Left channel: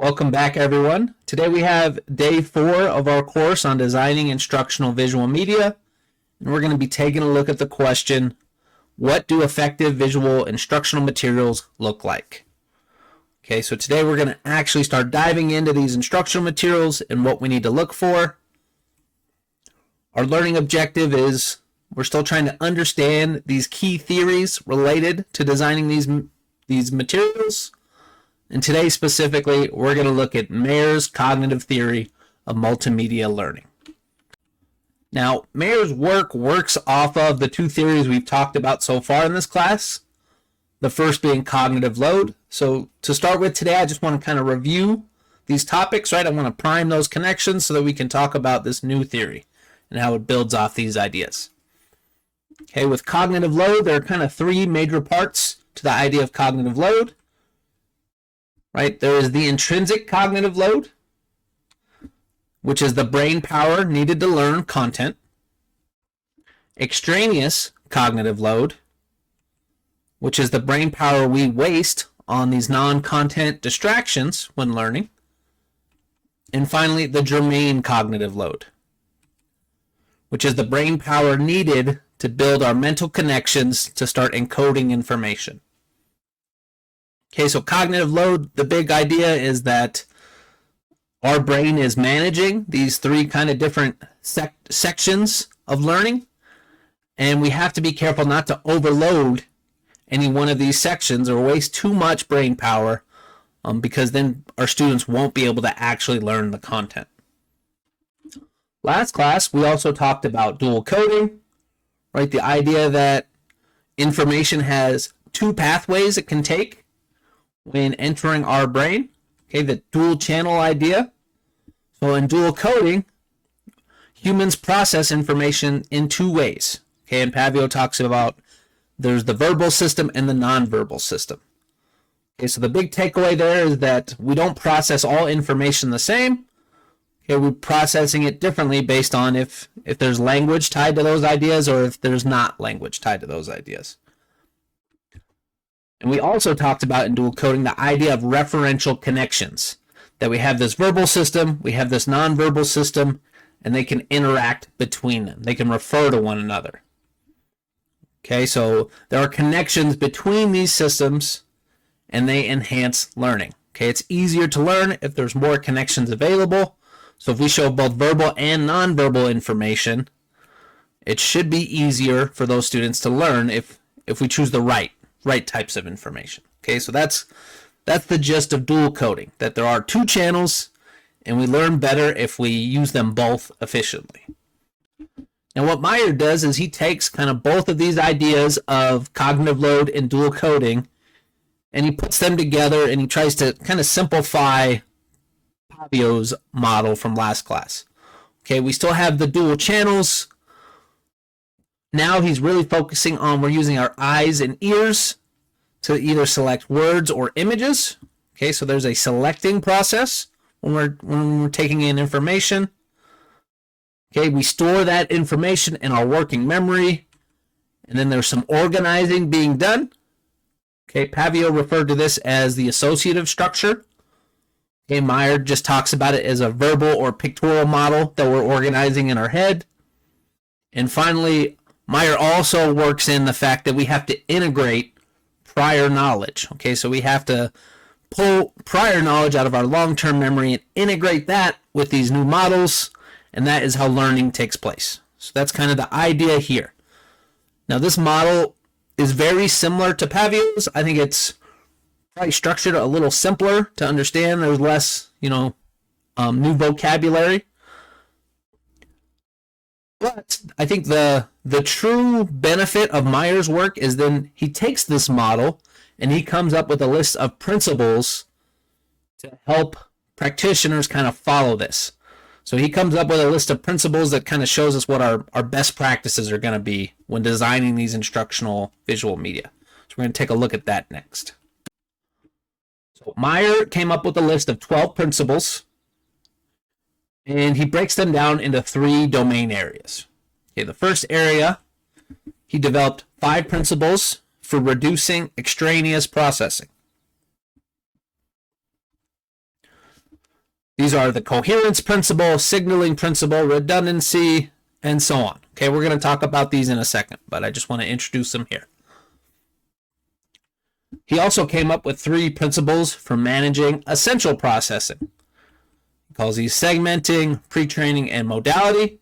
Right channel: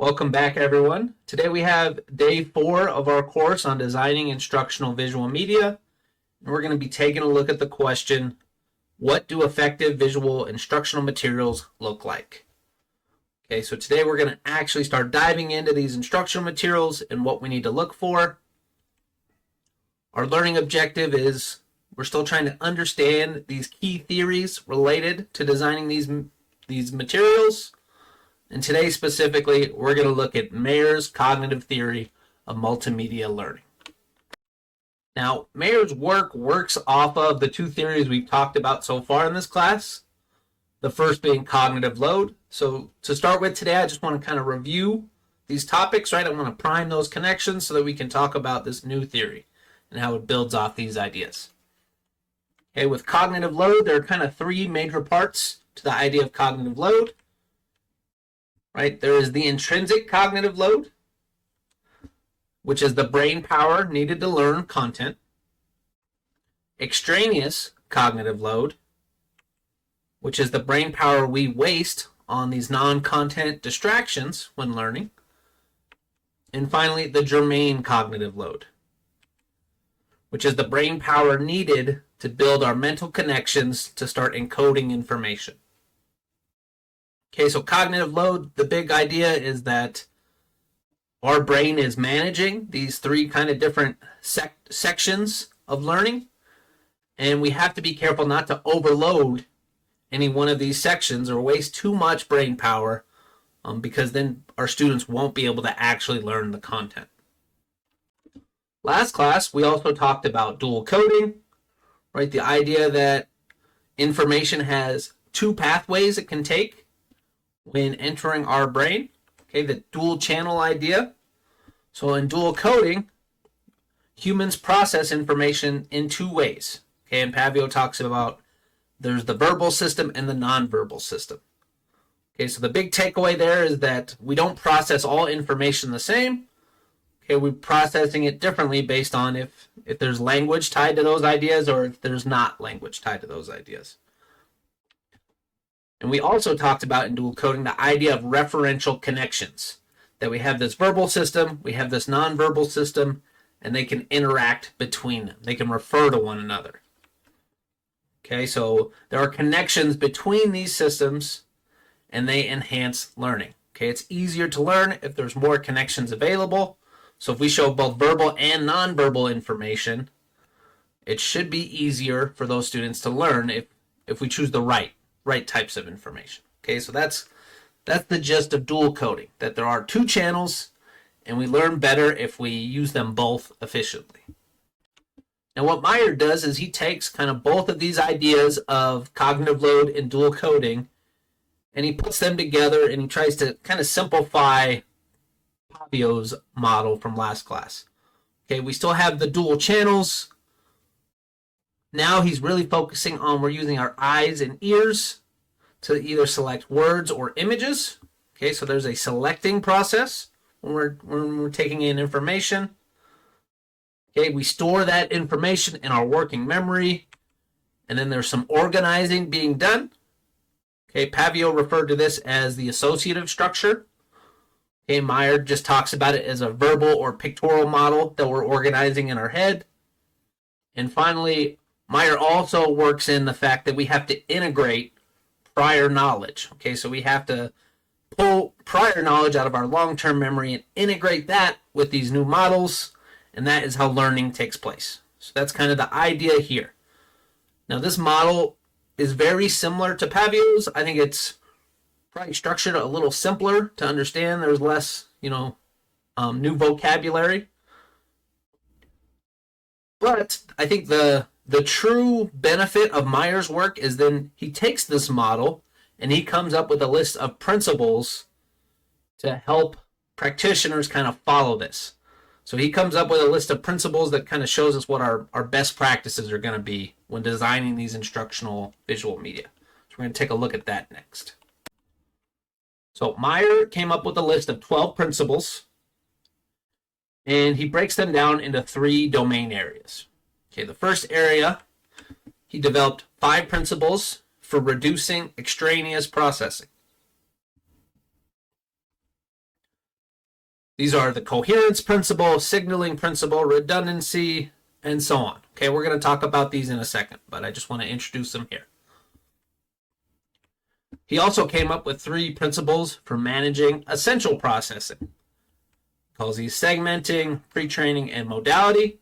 Welcome back, everyone. Today we have day 4 of our course on designing instructional visual media, and we're going to be taking a look at the question, what do effective visual instructional materials look like? Okay, so today we're going to actually start diving into these instructional materials and what we need to look for. Our learning objective is we're still trying to understand these key theories related to designing these materials. And today specifically, we're going to look at Mayer's cognitive theory of multimedia learning. Now, Mayer's work works off of the two theories we've talked about so far in this class, the first being cognitive load. So to start with today, I just want to kind of review these topics, right? I want to prime those connections so that we can talk about this new theory and how it builds off these ideas. Okay, with cognitive load, there are kind of three major parts to the idea of cognitive load. Right, there is the intrinsic cognitive load, which is the brain power needed to learn content. Extraneous cognitive load, which is the brain power we waste on these non-content distractions when learning. And finally, the germane cognitive load, which is the brain power needed to build our mental connections to start encoding information. Okay, so cognitive load, the big idea is that our brain is managing these three kind of different sections of learning, and we have to be careful not to overload any one of these sections or waste too much brain power, because then our students won't be able to actually learn the content. Last class, we also talked about dual coding, right? The idea that information has two pathways it can take when entering our brain, okay, the dual channel idea. So in dual coding, humans process information in two ways, okay, and Pavio talks about there's the verbal system and the nonverbal system. Okay, so the big takeaway there is that we don't process all information the same. Okay, we're processing it differently based on if there's language tied to those ideas or if there's not language tied to those ideas. And we also talked about in dual coding the idea of referential connections, that we have this verbal system, we have this nonverbal system, and they can interact between them. They can refer to one another. Okay, so there are connections between these systems, and they enhance learning. Okay, it's easier to learn if there's more connections available. So if we show both verbal and nonverbal information, it should be easier for those students to learn if we choose the right types of information. Okay, so that's the gist of dual coding, that there are two channels and we learn better if we use them both efficiently. Now what Meyer does is he takes kind of both of these ideas of cognitive load and dual coding and he puts them together and he tries to kind of simplify Pavio's model from last class. Okay, we still have the dual channels. Now he's really focusing on we're using our eyes and ears to either select words or images. Okay, so there's a selecting process when we're taking in information. Okay, we store that information in our working memory, and then there's some organizing being done. Okay, Pavio referred to this as the associative structure. Okay, Meyer just talks about it as a verbal or pictorial model that we're organizing in our head. And finally, Meyer also works in the fact that we have to integrate prior knowledge. Okay, so we have to pull prior knowledge out of our long-term memory and integrate that with these new models, and that is how learning takes place. So that's kind of the idea here. Now this model is very similar to Pavio's. I think it's probably structured a little simpler to understand. There's less, new vocabulary. But I think the true benefit of Meyer's work is then he takes this model and he comes up with a list of principles to help practitioners kind of follow this. So he comes up with a list of principles that kind of shows us what our best practices are going to be when designing these instructional visual media. So we're going to take a look at that next. So Meyer came up with a list of 12 principles, and he breaks them down into 3 domain areas. Okay, the first area, he developed 5 principles for reducing extraneous processing. These are the coherence principle, signaling principle, redundancy, and so on. Okay, we're going to talk about these in a second, but I just want to introduce them here. He also came up with 3 principles for managing essential processing. He calls these segmenting, pre-training, and modality.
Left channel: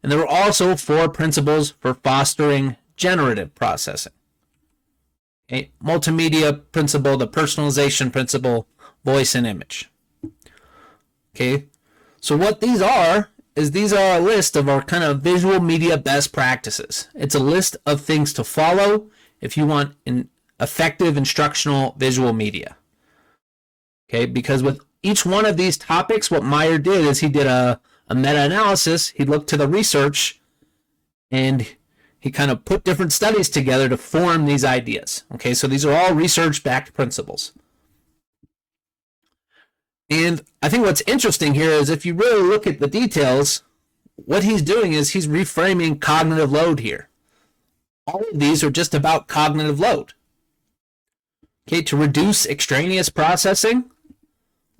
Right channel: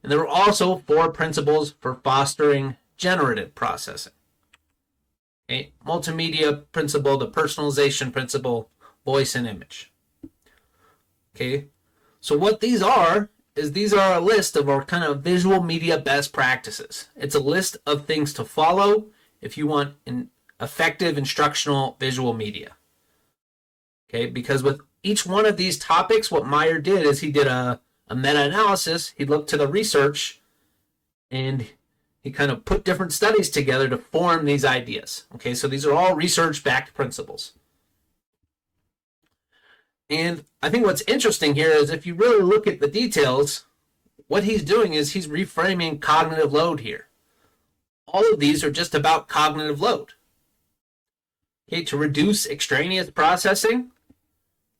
And there were also 4 principles for fostering generative processing. Okay, multimedia principle, the personalization principle, voice and image. Okay, so what these are is these are a list of our kind of visual media best practices. It's a list of things to follow if you want an effective instructional visual media. Okay, because with each one of these topics, what Meyer did is he did a meta-analysis. He looked to the research and he kind of put different studies together to form these ideas. Okay, so these are all research-backed principles. And I think what's interesting here is if you really look at the details, what he's doing is he's reframing cognitive load here. All of these are just about cognitive load. Okay, to reduce extraneous processing,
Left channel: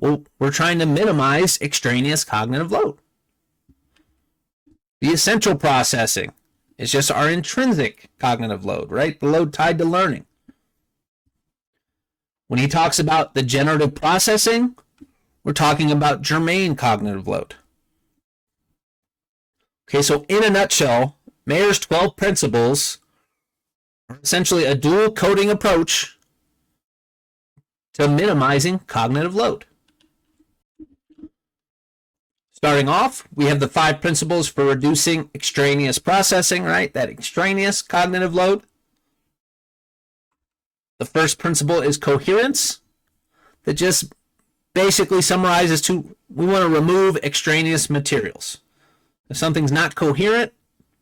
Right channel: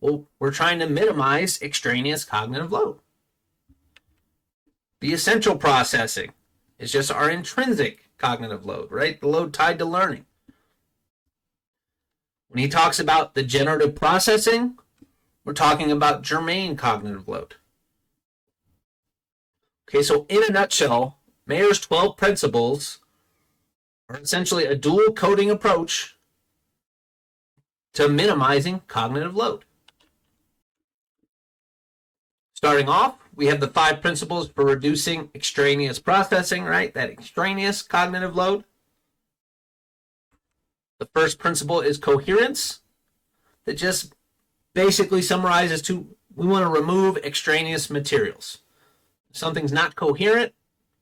well, we're trying to minimize extraneous cognitive load. The essential processing is just our intrinsic cognitive load, right? The load tied to learning. When he talks about the generative processing, we're talking about germane cognitive load. Okay, so in a nutshell, Mayer's 12 principles are essentially a dual coding approach to minimizing cognitive load. Starting off, we have the 5 principles for reducing extraneous processing, right? That extraneous cognitive load. The first principle is coherence, that just basically summarizes we want to remove extraneous materials. If something's not coherent,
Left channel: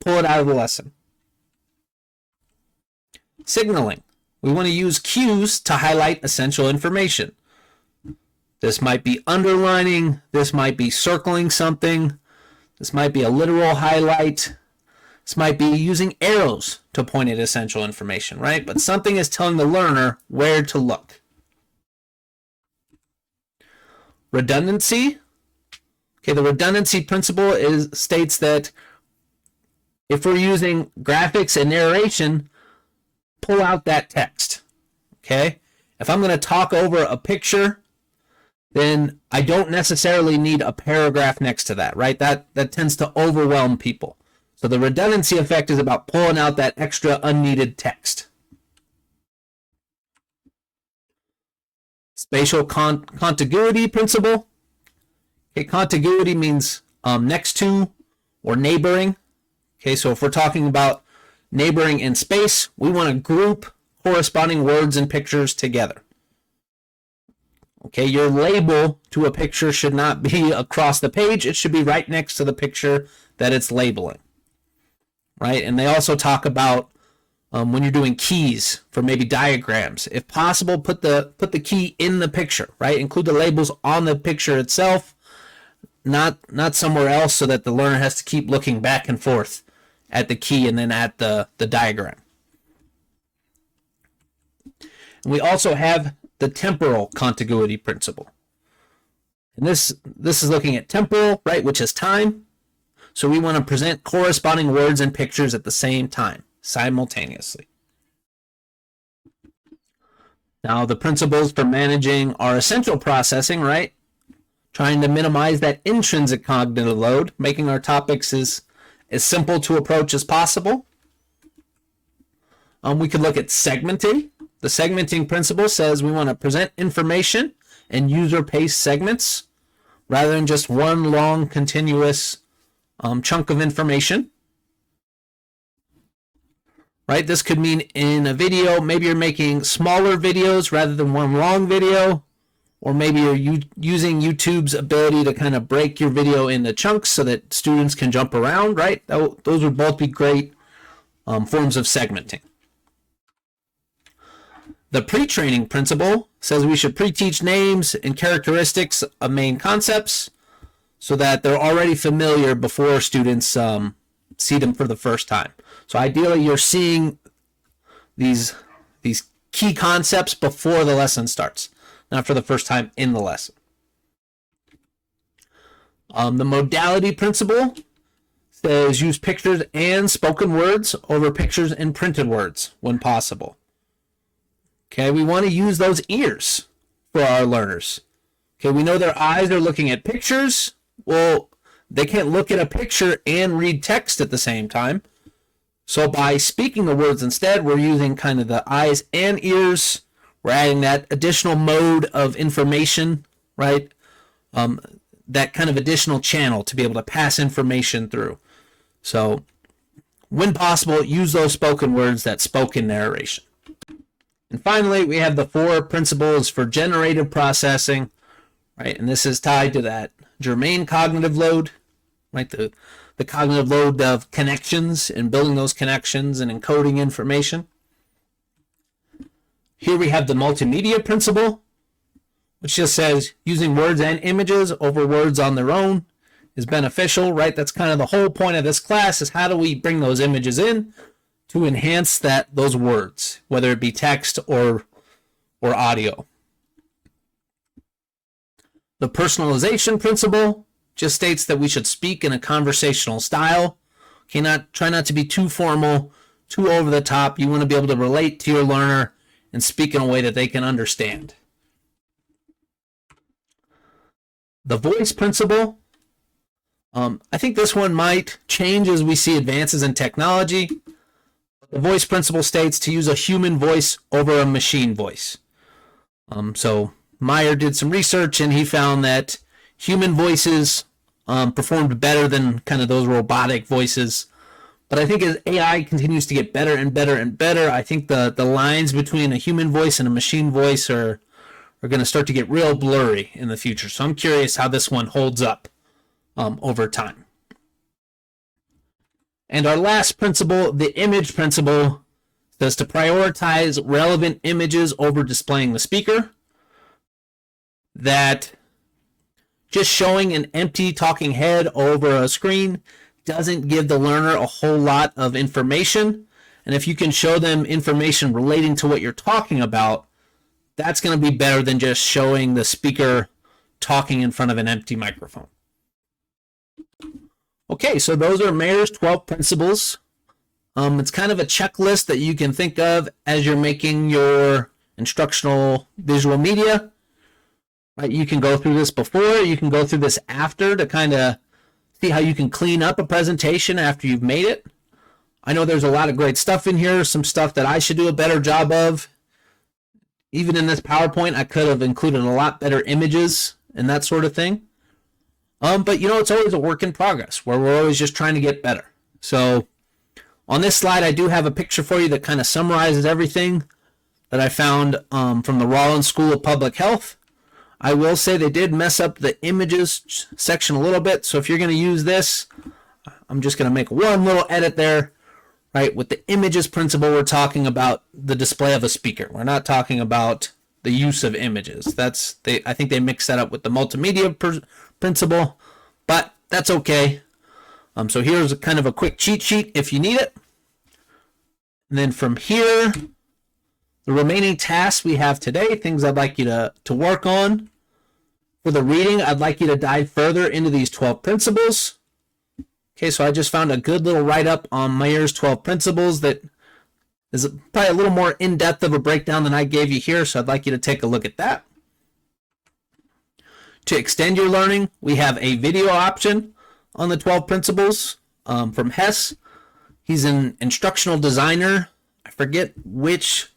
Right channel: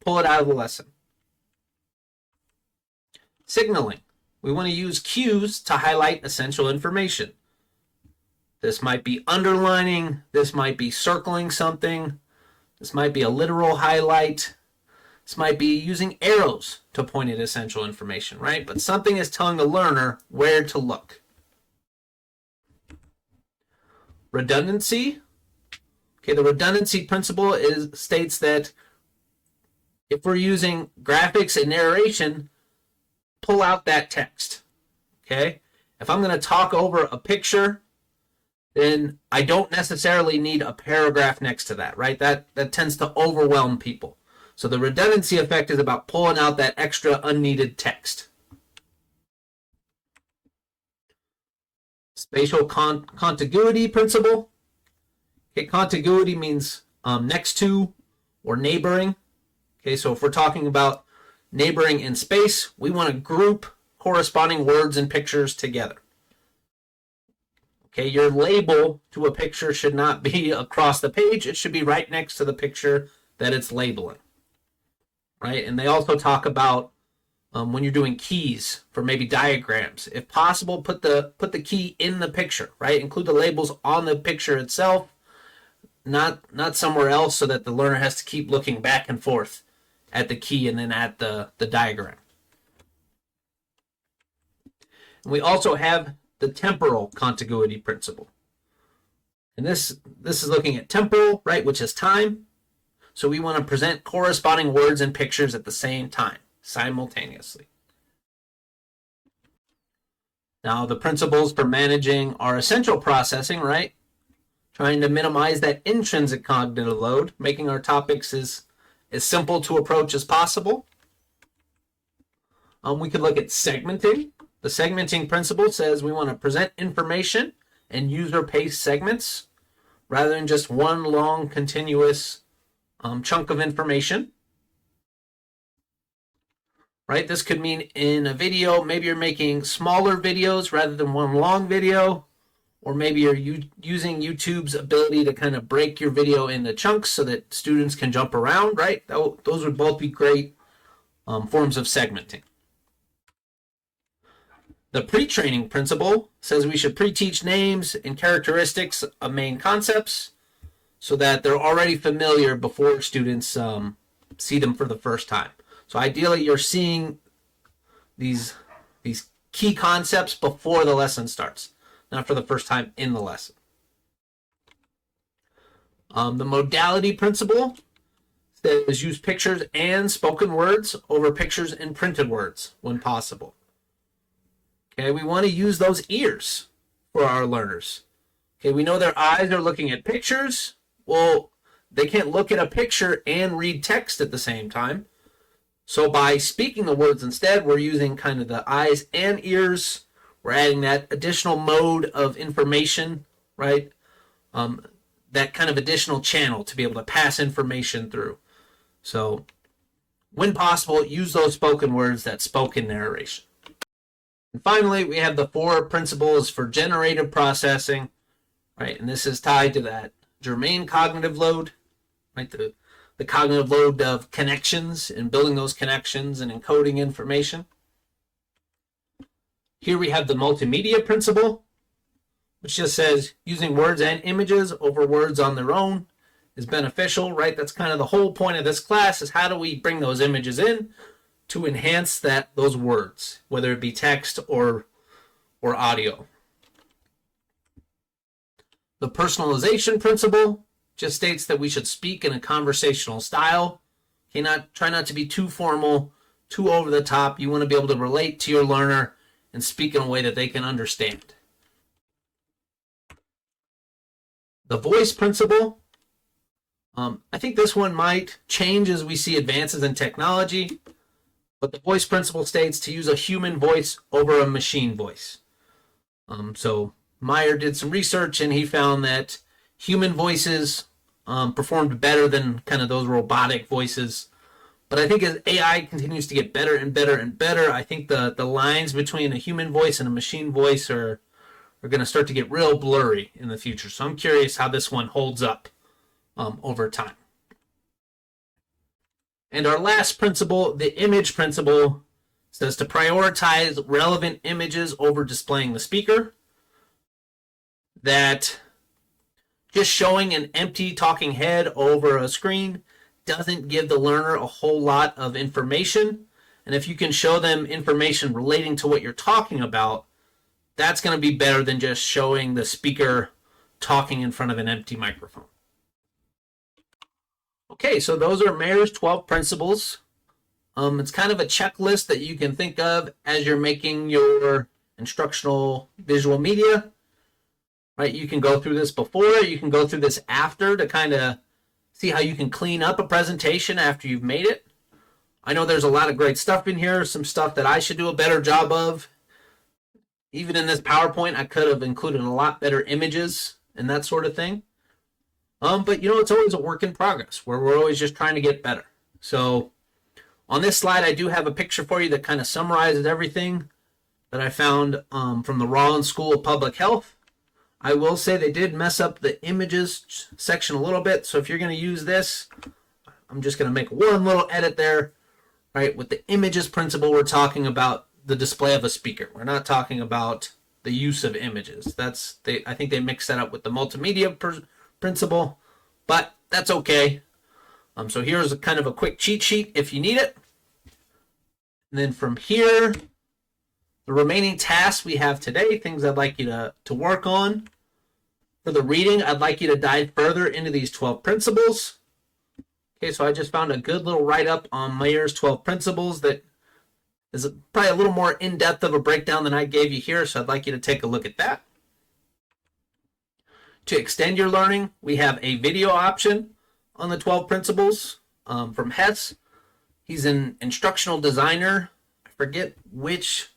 pull it out of the lesson. Signaling. We want to use cues to highlight essential information. This might be underlining, this might be circling something, this might be a literal highlight, this might be using arrows to point at essential information, right? But something is telling the learner where to look. Redundancy. Okay, the redundancy principle states that if we're using graphics and narration, pull out that text. Okay? If I'm going to talk over a picture, then I don't necessarily need a paragraph next to that, right? That tends to overwhelm people. So the redundancy effect is about pulling out that extra unneeded text. Spatial contiguity principle. Okay, contiguity means next to or neighboring. Okay, so if we're talking about neighboring in space, we want to group corresponding words and pictures together. Okay, your label to a picture should not be across the page. It should be right next to the picture that it's labeling. Right? And they also talk about when you're doing keys for maybe diagrams. If possible, put the key in the picture, right? Include the labels on the picture itself, not somewhere else so that the learner has to keep looking back and forth at the key and then at the diagram. And we also have the temporal contiguity principle. And this is looking at temporal, right, which is time. So we want to present corresponding words and pictures at the same time, simultaneously. Now, the principles for managing our essential processing, right? Trying to minimize that intrinsic cognitive load, making our topics as simple to approach as possible. We could look at segmenting. The segmenting principle says we want to present information in user-paced segments rather than just one long continuous chunk of information. Right? This could mean in a video, maybe you're making smaller videos rather than one long video, or maybe you're using YouTube's ability to kind of break your video into chunks so that students can jump around, right? Those would both be great forms of segmenting. The pre-training principle says we should pre-teach names and characteristics of main concepts so that they're already familiar before students see them for the first time. So ideally, you're seeing these key concepts before the lesson starts, not for the first time in the lesson. The modality principle says use pictures and spoken words over pictures and printed words when possible. Okay, we want to use those ears for our learners. Okay, we know their eyes are looking at pictures. Well, they can't look at a picture and read text at the same time. So by speaking the words instead, we're using kind of the eyes and ears. We're adding that additional mode of information, right? That kind of additional channel to be able to pass information through. So when possible, use those spoken words, that spoken narration. And finally, we have the 4 principles for generative processing, right? And this is tied to that germane cognitive load, right? The cognitive load of connections and building those connections and encoding information. Here we have the multimedia principle, which just says using words and images over words on their own is beneficial, right? That's kind of the whole point of this class, is how do we bring those images in to enhance those words, whether it be text or audio. The personalization principle just states that we should speak in a conversational style. Okay, try not to be too formal, too over the top. You want to be able to relate to your learner and speak in a way that they can understand. The voice principle, I think this one might change as we see advances in technology, but the voice principle states to use a human voice over a machine voice. So Meyer did some research and he found that human voices performed better than kind of those robotic voices. But I think as AI continues to get better and better and better, I think the lines between a human voice and a machine voice are going to start to get real blurry in the future. So I'm curious how this one holds up over time. And our last principle, the image principle, says to prioritize relevant images over displaying the speaker. That just showing an empty talking head over a screen doesn't give the learner a whole lot of information. And if you can show them information relating to what you're talking about, that's going to be better than just showing the speaker talking in front of an empty microphone. Okay, so those are Mayer's 12 principles. It's kind of a checklist that you can think of as you're making your instructional visual media. Right, you can go through this before, you can go through this after to kind of see how you can clean up a presentation after you've made it. I know there's a lot of great stuff in here, some stuff that I should do a better job of. Even in this PowerPoint, I could have included a lot better images and that sort of thing. But it's always a work in progress where we're always just trying to get better. So on this slide, I do have a picture for you that kind of summarizes everything that I found from the Rollins School of Public Health. I will say they did mess up the images section a little bit. So if you're going to use this, I'm just going to make one little edit there. Right, with the images principle, we're talking about the display of a speaker. We're not talking about the use of images. I think they mixed that up with the multimedia principle, but that's okay. So here's kind of a quick cheat sheet if you need it. And then from here, the remaining tasks we have today, things I'd like you to work on. For the reading, I'd like you to dive further into these 12 principles. Okay, so I just found a good little write-up on Mayer's 12 principles that is probably a little more in-depth of a breakdown than I gave you here, so I'd like you to take a look at that. To extend your learning, we have a video option on the 12 principles from Hess. He's an instructional designer. I forget which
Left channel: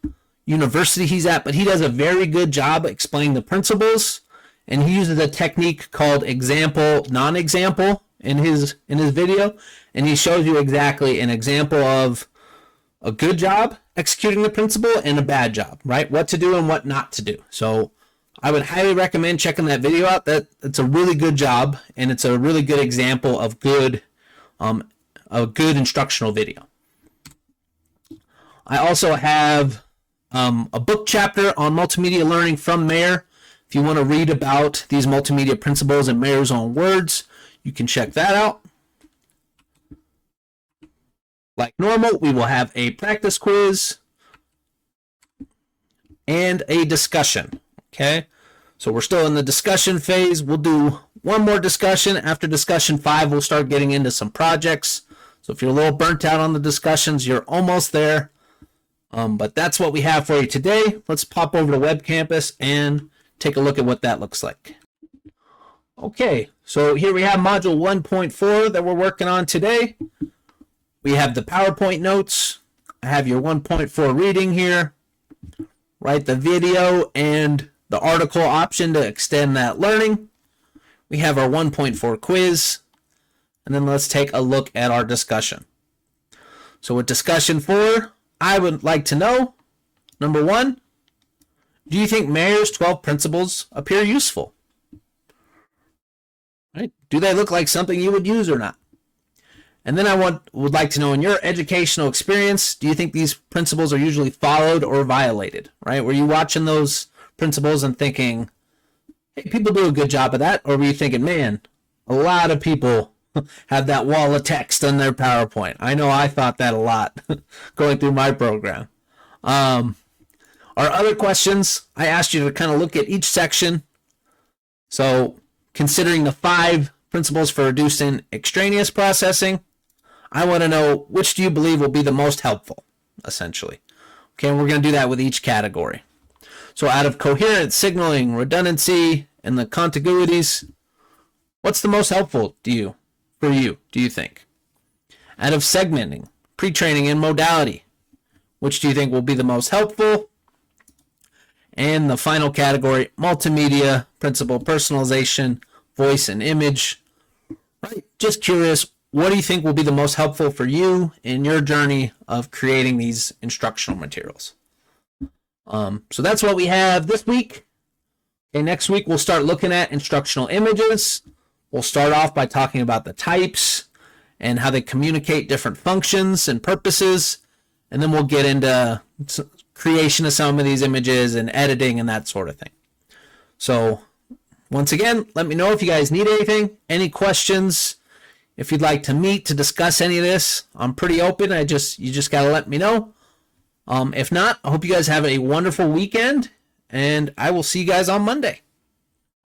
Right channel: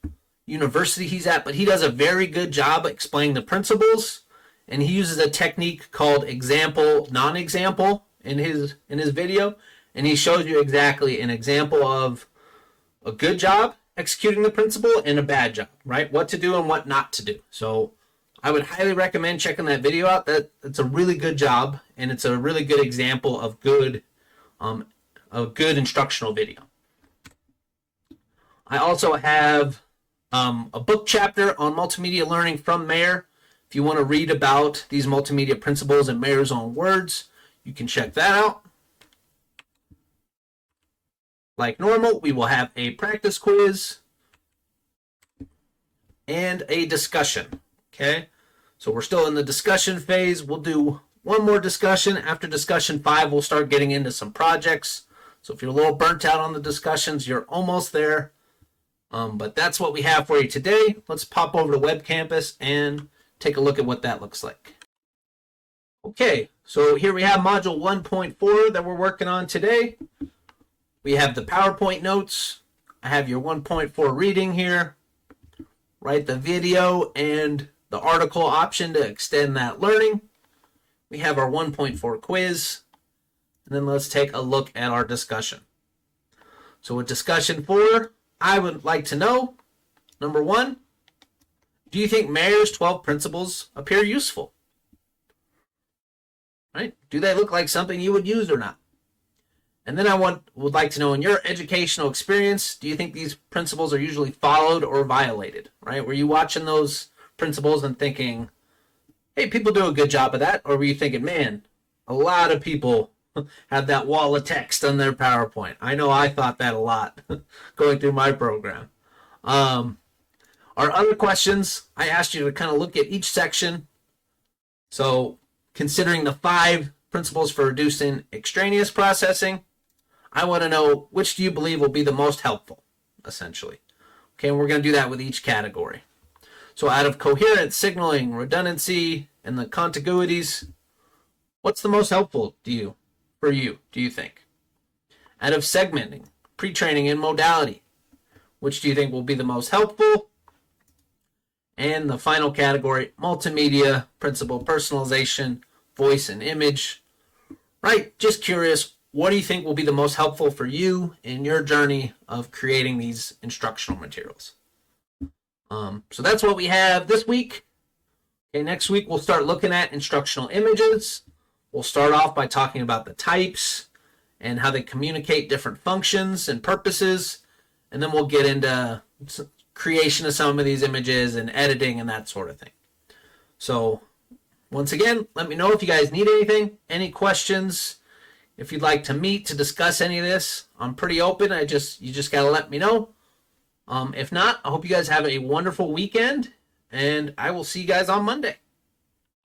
university he's at, but he does a very good job explaining the principles, and he uses a technique called example, non-example in his video, and he shows you exactly an example of a good job executing the principle and a bad job, right? What to do and what not to do. So I would highly recommend checking that video out. It's a really good job, and it's a really good example of a good instructional video. I also have a book chapter on multimedia learning from Mayer. If you want to read about these multimedia principles in Mayer's own words, you can check that out. Like normal, we will have a practice quiz and a discussion. Okay, So we're still in the discussion phase. We'll do one more discussion. After discussion 5, we'll start getting into some projects. So if you're a little burnt out on the discussions, you're almost there. But that's what we have for you today. Let's pop over to Web Campus and take a look at what that looks like. Okay, so here we have module 1.4 that we're working on today. We have the PowerPoint notes. I have your 1.4 reading here, right? The video and the article option to extend that learning. We have our 1.4 quiz, and then let's take a look at our discussion. So with discussion 4, I would like to know, number 1, do you think Mayer's 12 principles appear useful? Right? Do they look like something you would use or not? And then I would like to know, in your educational experience, do you think these principles are usually followed or violated? Right? Were you watching those principles and thinking, hey, people do a good job of that? Or were you thinking, man, a lot of people have that wall of text on their PowerPoint? I know I thought that a lot going through my program. Our other questions, I asked you to kind of look at each section. So considering the 5 principles for reducing extraneous processing, I want to know, which do you believe will be the most helpful, essentially. Okay, and we're going to do that with each category. So out of coherent, signaling, redundancy, and the contiguities, what's the most helpful for you, do you think? Out of segmenting, pre-training, and modality, which do you think will be the most helpful? And the final category, multimedia, principal, personalization, voice, and image. Right? Just curious, what do you think will be the most helpful for you in your journey of creating these instructional materials? So that's what we have this week. Okay, next week we'll start looking at instructional images. We'll start off by talking about the types and how they communicate different functions and purposes. And then we'll get into creation of some of these images and editing and that sort of thing. So once again, let me know if you guys need anything, any questions. If you'd like to meet to discuss any of this, I'm pretty open. You just got to let me know. If not, I hope you guys have a wonderful weekend, and I will see you guys on Monday.